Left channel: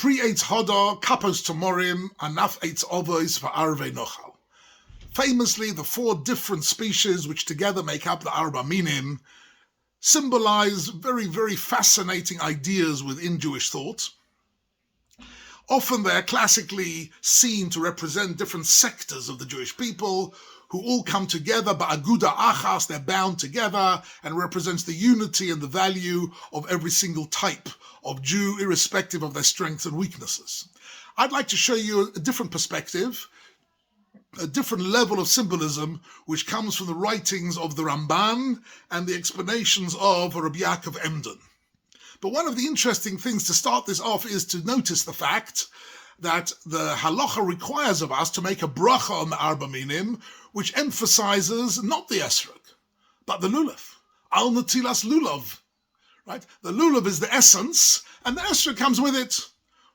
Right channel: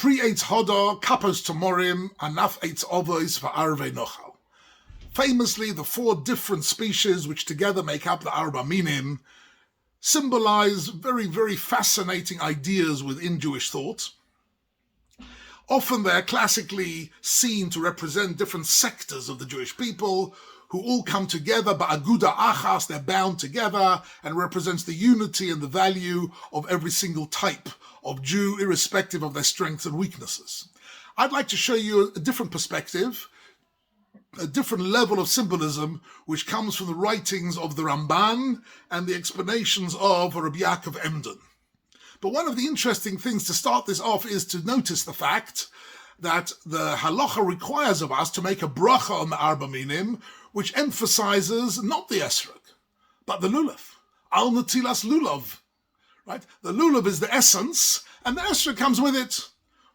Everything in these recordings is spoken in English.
Pri Eitz Hoda, Kapos Tomorim, Anaf Eitz Ovois for Arve Nochal. Famously, the four different species which together make up the Arba Minim symbolize very, very fascinating ideas within Jewish thought. Often they're classically seen to represent different sectors of the Jewish people who all come together, but Aguda Achas, they're bound together, and represents the unity and the value of every single type of Jew, irrespective of their strengths and weaknesses. I'd like to show you a different perspective, a different level of symbolism, which comes from the writings of the Ramban and the explanations of Rabbi Yaakov Emden. But one of the interesting things to start this off is to notice the fact that the halacha requires of us to make a bracha on the Arba Minim, which emphasizes not the Etrog, but the Lulav. Al Natilas Lulav. Right? The Lulav is the essence, and the Etrog comes with it.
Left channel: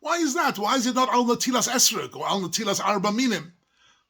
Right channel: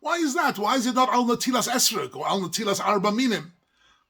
Why is that? Why is it not Al Natilas Etrog or Al Natilas Arba Minim?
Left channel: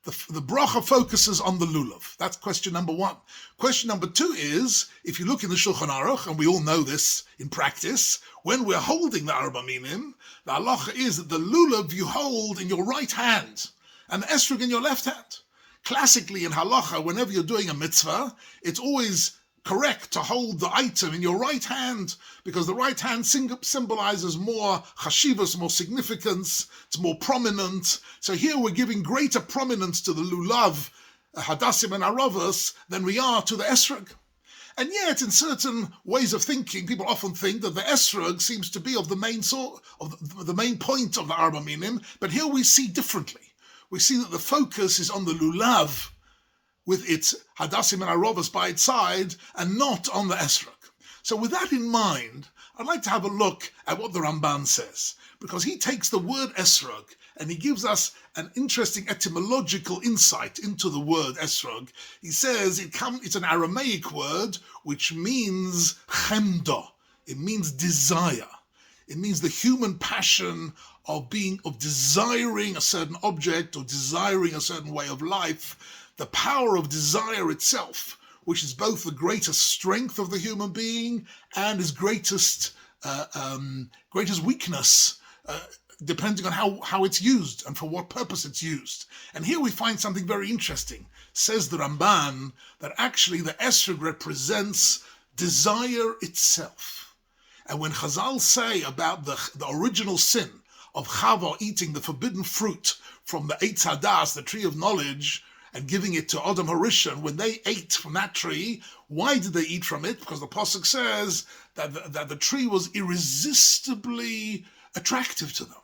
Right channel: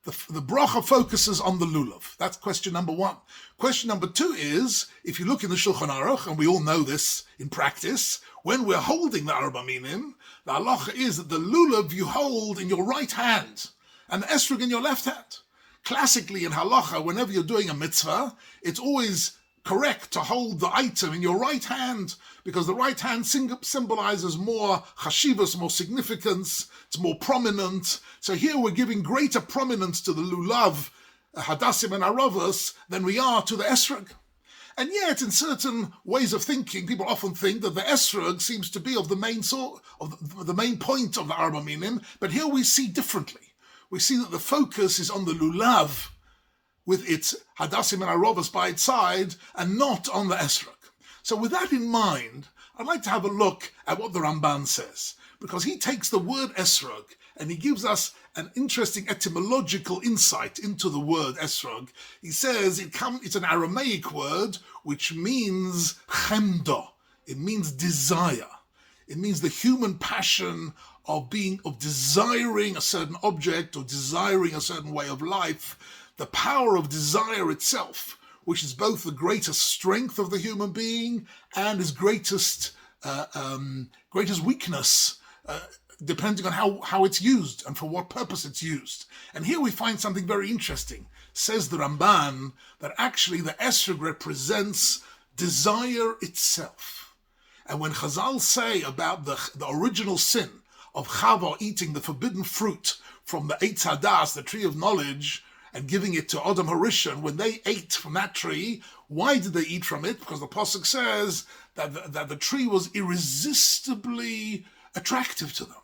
The bracha focuses on the Lulav. That's question number one. Question number two is, if you look in the Shulchan Aruch, and we all know this in practice, when we're holding the Arba Minim, the halacha is that the Lulav you hold in your right hand, and the Etrog in your left hand. Classically in halacha, whenever you're doing a mitzvah, it's always correct to hold the item in your right hand, because the right hand symbolizes more chashivas, more significance, it's more prominent. So here we're giving greater prominence to the Lulav, Hadassim and Aravas, than we are to the Etrog. And yet, in certain ways of thinking, people often think that the Etrog seems to be of the main the main point of the Arba Minim, but here we see differently. We see that the focus is on the Lulav, with its Hadassim and Aravas by its side, and not on the Etrog. So with that in mind, I'd like to have a look at what the Ramban says, because he takes the word Etrog and he gives us an interesting etymological insight into the word Etrog. He says it's an Aramaic word which means chemda. It means desire. It means the human passion of desiring a certain object or desiring a certain way of life. The power of desire itself, which is both the greatest strength of the human being and his greatest weakness, depending on how it's used and for what purpose it's used. And here we find something very interesting. Says the Ramban that actually the Etrog represents desire itself. And when Chazal say about the original sin of Chava eating the forbidden fruit from the Eitz Hadas, the tree of knowledge, and giving it to Adam Harishon, when they ate from that tree, why did they eat from it? Because the Pasuk says that the tree was irresistibly attractive to them.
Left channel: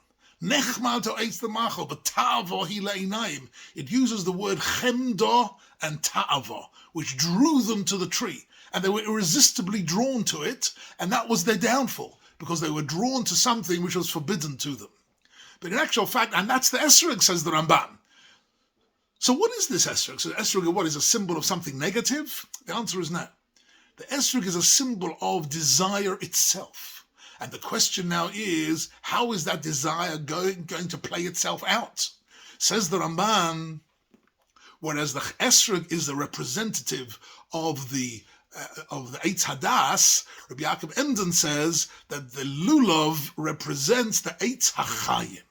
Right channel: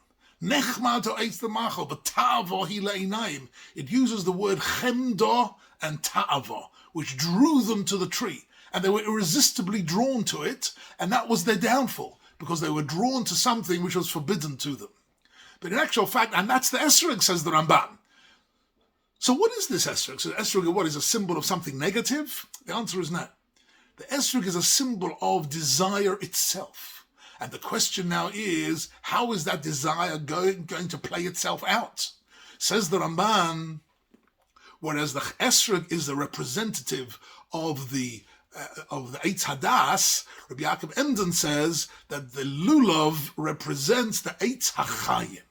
Nechma to eitz the machal, but ta'avo hi le'inayim. It uses the word chemda and ta'avo, which drew them to the tree. And they were irresistibly drawn to it, and that was their downfall, because they were drawn to something which was forbidden to them. But in actual fact, and that's the Etrog, says the Ramban. So what is this Etrog? So Etrog, what, is a symbol of something negative? The answer is no. The Etrog is a symbol of desire itself. And the question now is, how is that desire going to play itself out? Says the Ramban, whereas the Etrog is the representative of the Eitz Hadas, Rabbi Yaakov Emden says that the Lulav represents the Eitz HaChayim.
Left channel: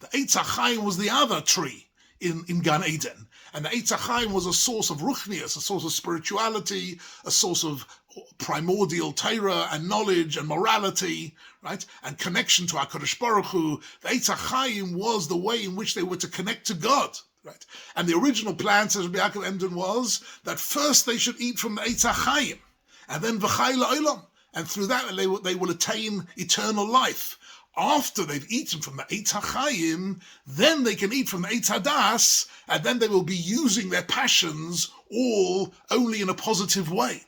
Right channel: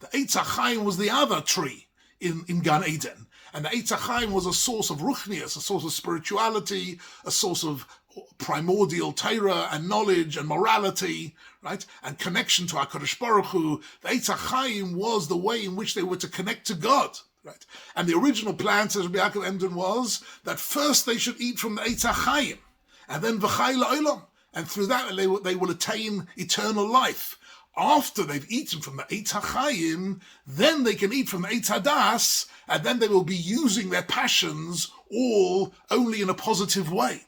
The Eitz HaChayim was the other tree in Gan Eden. And the Eitz HaChayim was a source of ruchnias, a source of spirituality, a source of primordial Torah and knowledge and morality, right? And connection to HaKadosh Baruch Hu. The Eitz HaChayim was the way in which they were to connect to God, right? And the original plan, says Rabbi Yaakov Emden, was that first they should eat from the Eitz HaChayim, and then v'chai la'olam. And through that they will attain eternal life. After they've eaten from the Eitz HaChayim, then they can eat from the Eitz Hadas, and then they will be using their passions all only in a positive way.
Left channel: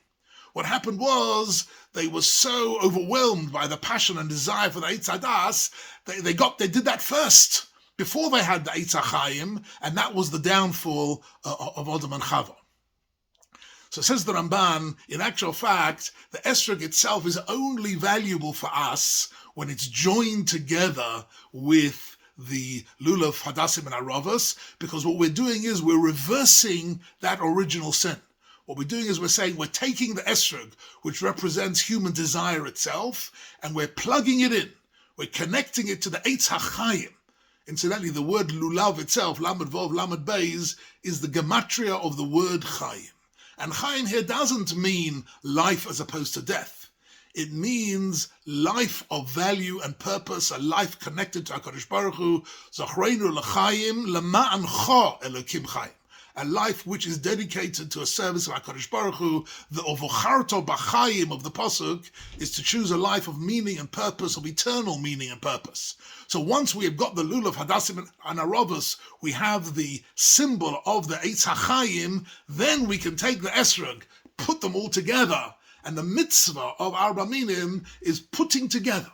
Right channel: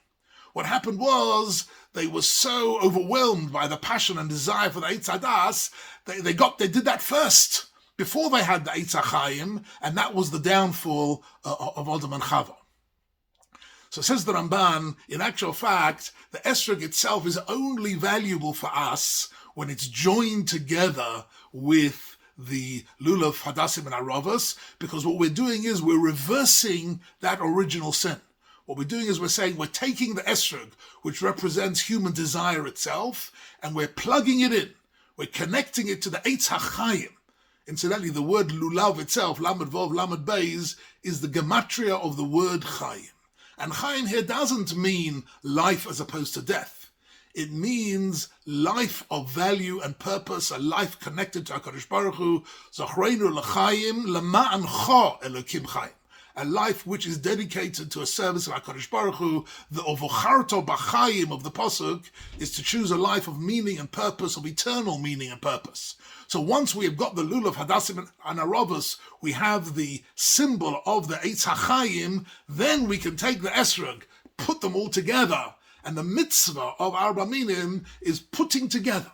What happened was they were so overwhelmed by the passion and desire for the Eitz Hadas, they did that first before they had the Eitz HaChayim, and that was the downfall of Adam and Chava. So says the Ramban, in actual fact, the Etrog itself is only valuable for us when it's joined together with the Lulav, Hadassim, and Aravas, because what we're doing is we're reversing that original sin. What we're doing is we're saying we're taking the Etrog, which represents human desire itself, and we're plugging it in. We're connecting it to the Eitz HaChaim. Incidentally, the word Lulav itself, Lamed Vov, Lamed Beis, is the gematria of the word Chaim. And Chaim here doesn't mean life as opposed to death. It means life of value and purpose, a life connected to HaKadosh Baruch Hu, Zochreinu l'chaim lema'an cho Elokim Chaim. A life which is dedicated to a service of HaKadosh Baruch Hu. The ovocharto b'chaim of the Pasuk is to choose a life of meaning and purpose, of eternal meaning and purpose. So once we have got the Lulav, Hadassim, and Aravos, we have the symbol of the Eitz HaChaim, then we can take the Etrog, put them all together, and the mitzvah of Arba Minim is putting together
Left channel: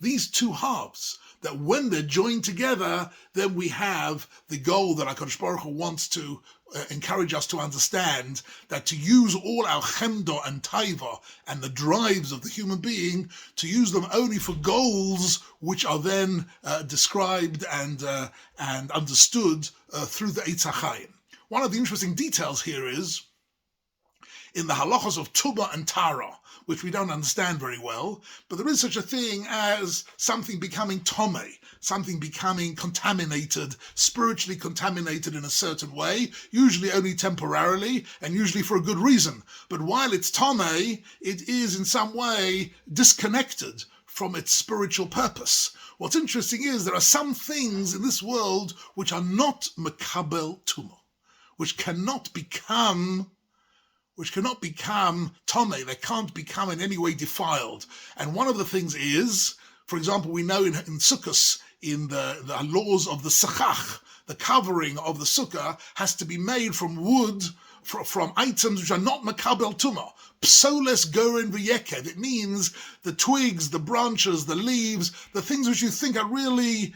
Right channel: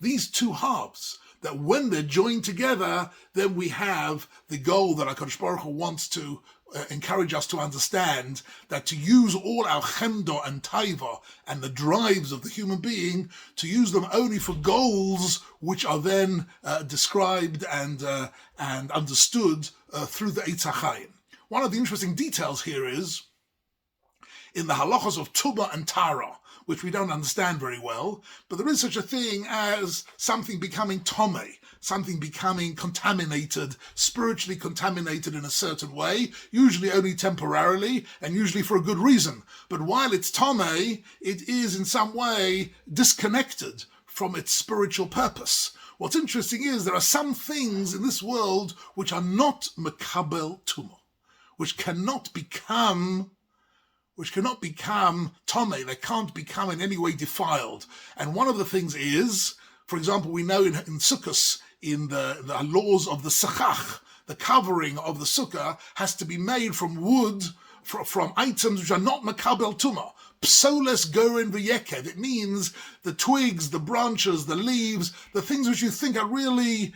these two halves, that when they're joined together, then we have the goal that HaKadosh Baruch Hu wants to encourage us to understand, that to use all our chemda and taiva and the drives of the human being, to use them only for goals which are then described and understood through the Eitz HaChaim. One of the interesting details here is, in the halachos of Tuba and Tara, which we don't understand very well, but there is such a thing as something becoming Tomei, something becoming contaminated, spiritually contaminated in a certain way, usually only temporarily, and usually for a good reason. But while it's Tomei, it is in some way disconnected from its spiritual purpose. What's interesting is there are some things in this world which are not Mekabel Tumah, which cannot become Tomei, they can't become in any way defiled. And one of the things is, for example, we know in Sukkos, in the laws of the Sachach, the covering of the Sukkah has to be made from wood, from items which are not Makabel Tumah. Psoles gorin v'yekev. It means the twigs, the branches, the leaves, the things which you think are really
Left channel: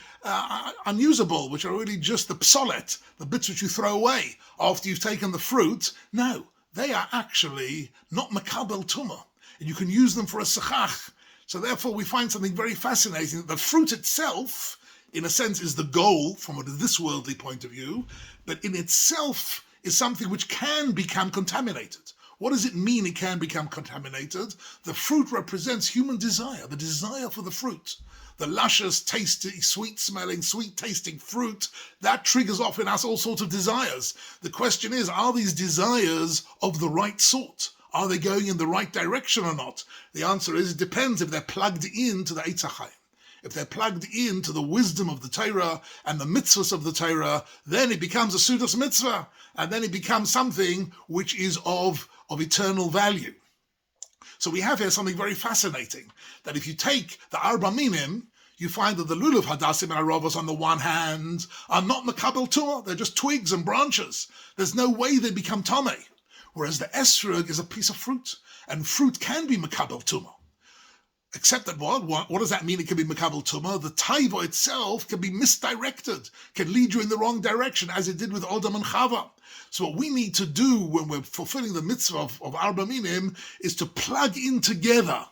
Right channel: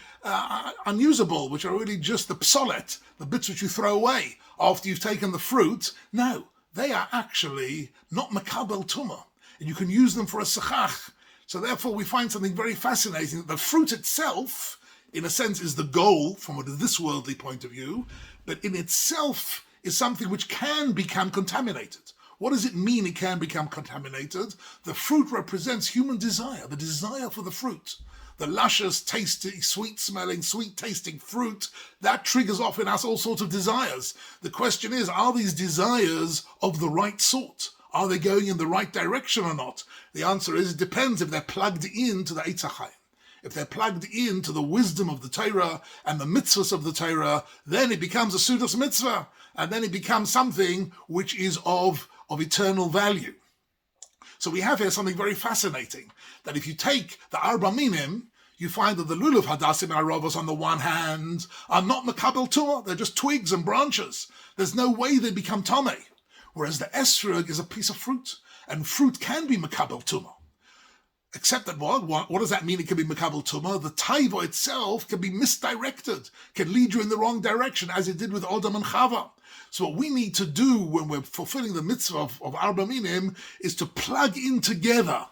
unusable, which are really just the psolet, the bits which you throw away after you've taken the fruit. No, they are actually not Makabel Tumah, and you can use them for a Sachach. So therefore we find something very fascinating. The fruit itself, in a sense, is the goal from this worldly point of view, but in itself is something which can become contaminated. What does it mean it can become contaminated? The fruit represents human desire, the desire for the fruit. The luscious, tasty, sweet-smelling, sweet-tasting fruit, that triggers off in us all sorts of desires. The question is, are these desires of the right sort? Are they going in the right direction or not? The answer is, it depends if they're plugged into the Eitz HaChaim. If they're plugged into the wisdom of the Torah and the mitzvahs of the Torah, then it becomes a Sudas mitzvah, and then it becomes something which is of eternal value. So we have here something very fascinating, that if you take the Arba Minim, you find that the Lulav, Hadassim, and Aravos on the one hand are not Makabel Tumah, they're just twigs and branches. There's no way they become Tomei. Whereas the Etrog is a piece of fruit, and fruit can be Makabel Tumah. Except that what does that mean it can be Makabel Tumah? The Taiva itself can be misdirected, can lead you in the wrong direction, as it did with Adam and Chava. So what we need to do when we're fulfilling the mitzvah of Arba Minim is to plug in together,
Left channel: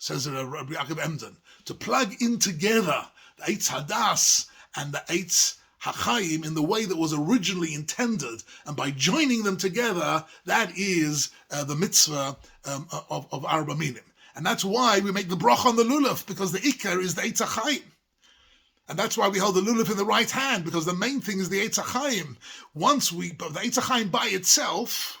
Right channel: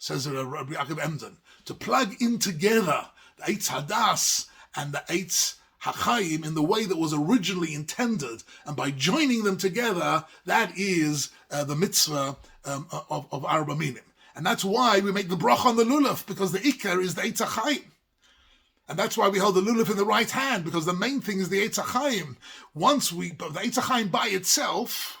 says Rabbi Yaakov Emden, to plug in together the Eitz Hadas and the Eitz HaChaim in the way that was originally intended, and by joining them together, that is the mitzvah of Arba Minim. And that's why we make the bracha on the Lulav, because the Ikar is the Eitz HaChaim. And that's why we hold the Lulav in the right hand, because the main thing is the Eitz HaChaim. But the Eitz HaChaim by itself,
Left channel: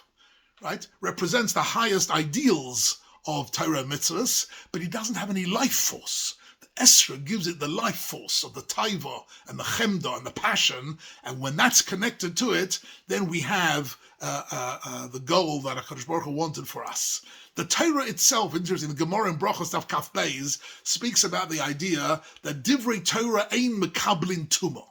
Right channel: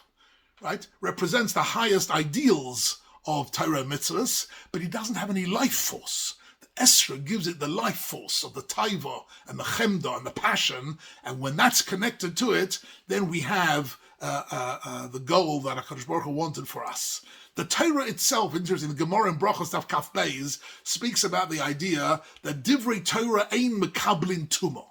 right, represents the highest ideals of Torah mitzvahs, but it doesn't have any life force. The Esra gives it the life force of the Taiva and the Chemda and the passion, and when that's connected to it, then we have the goal that HaKadosh Baruch Hu wanted for us. The Torah itself, interesting, the Gemara in Brachos Daf Kaf Beis speaks about the idea that Divrei Torah ein mekablin tumah.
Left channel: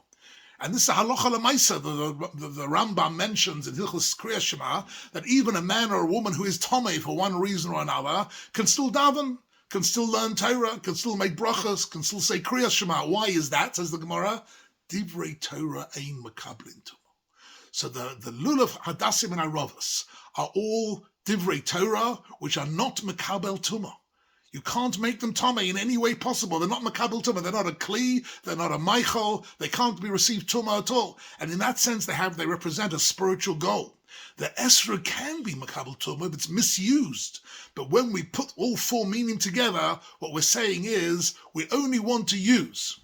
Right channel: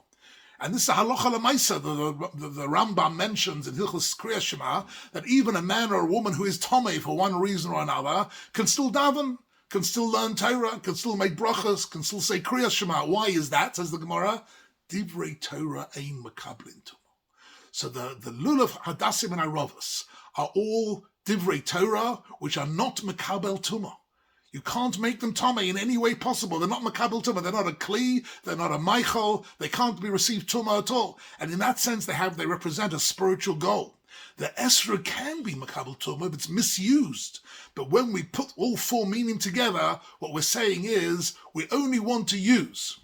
And this is a halacha l'maisa. The Rambam mentions in Hilchos Kriya Shema that even a man or a woman who is tomei for one reason or another can still daven, can still learn Torah, can still make brachos, can still say Kriya Shema. Why is that, says the Gemara? Divrei Torah ein mekablin tumah. So the Lulav, Hadassim, and Aravos are all Divrei Torah, which are not Makabel Tumah. You can't make them Tomei in any way possible. They're not Makabel Tumah. They're not a Kli. They're not a Michael. They can't be received Tumah at all. And in that sense, they represent a spiritual goal. The Esra can be Makabel Tumah if it's misused. But when we put all four meaning together, what we're saying is we only want to use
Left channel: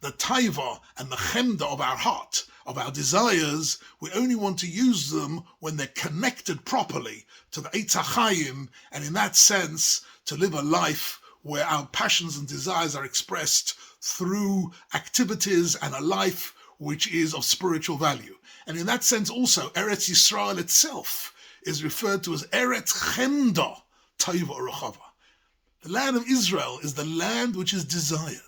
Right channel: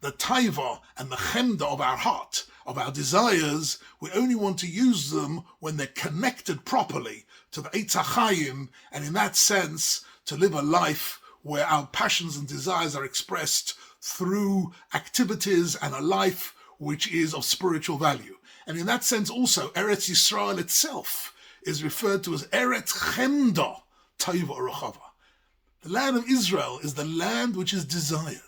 the taiva and the chemda of our heart, of our desires. We only want to use them when they're connected properly to the Eitz HaChaim, and in that sense, to live a life where our passions and desires are expressed through activities and a life which is of spiritual value. And in that sense also, Eretz Yisrael itself is referred to as Eretz Chemda Taiva Urachava. The land of Israel is the land which is desired.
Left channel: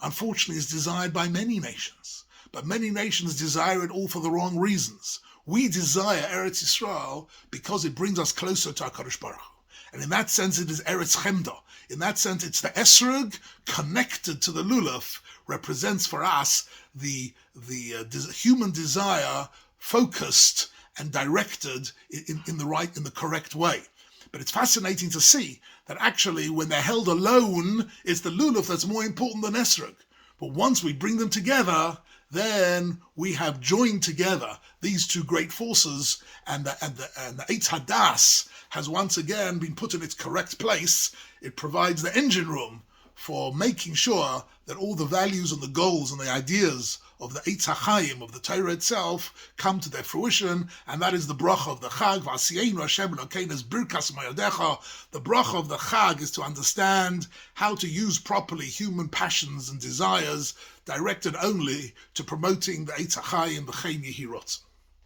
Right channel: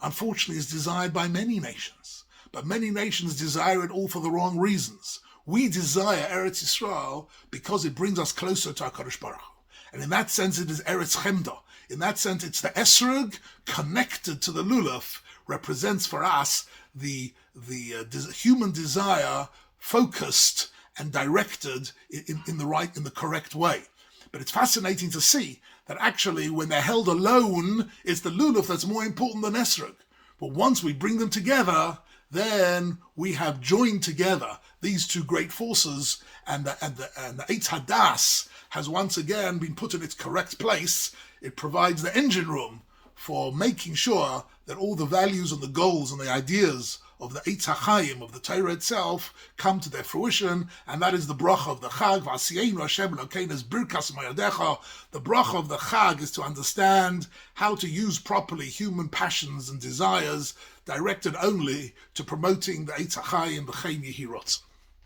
Unfortunately, it's desired by many nations. But many nations desire it all for the wrong reasons. We desire Eretz Yisrael because it brings us closer to HaKadosh Baruch Hu. And in that sense, it is Eretz Chemda. In that sense, it's the Etrog connected to the Lulav, represents for us the human desire focused and directed in the correct way. But it's fascinating to see that actually when they're held alone, it's the Lulav that's more important than Etrog. But once we bring them together, then we have joined together these two great forces, and the Eitz Hadas has once again been put in its correct place. It provides the engine room for making sure that all the values and the goals and the ideas of the Eitz HaChaim, of the Torah itself, come to their fruition, and that is the bracha of the Chag. V'asiyenu Hashem Elokeinu birkas moyadecha. The bracha of the Chag is to understand how to use properly human passions and desires directed only to promoting the Eitz HaChaim, the Chen Yehirot.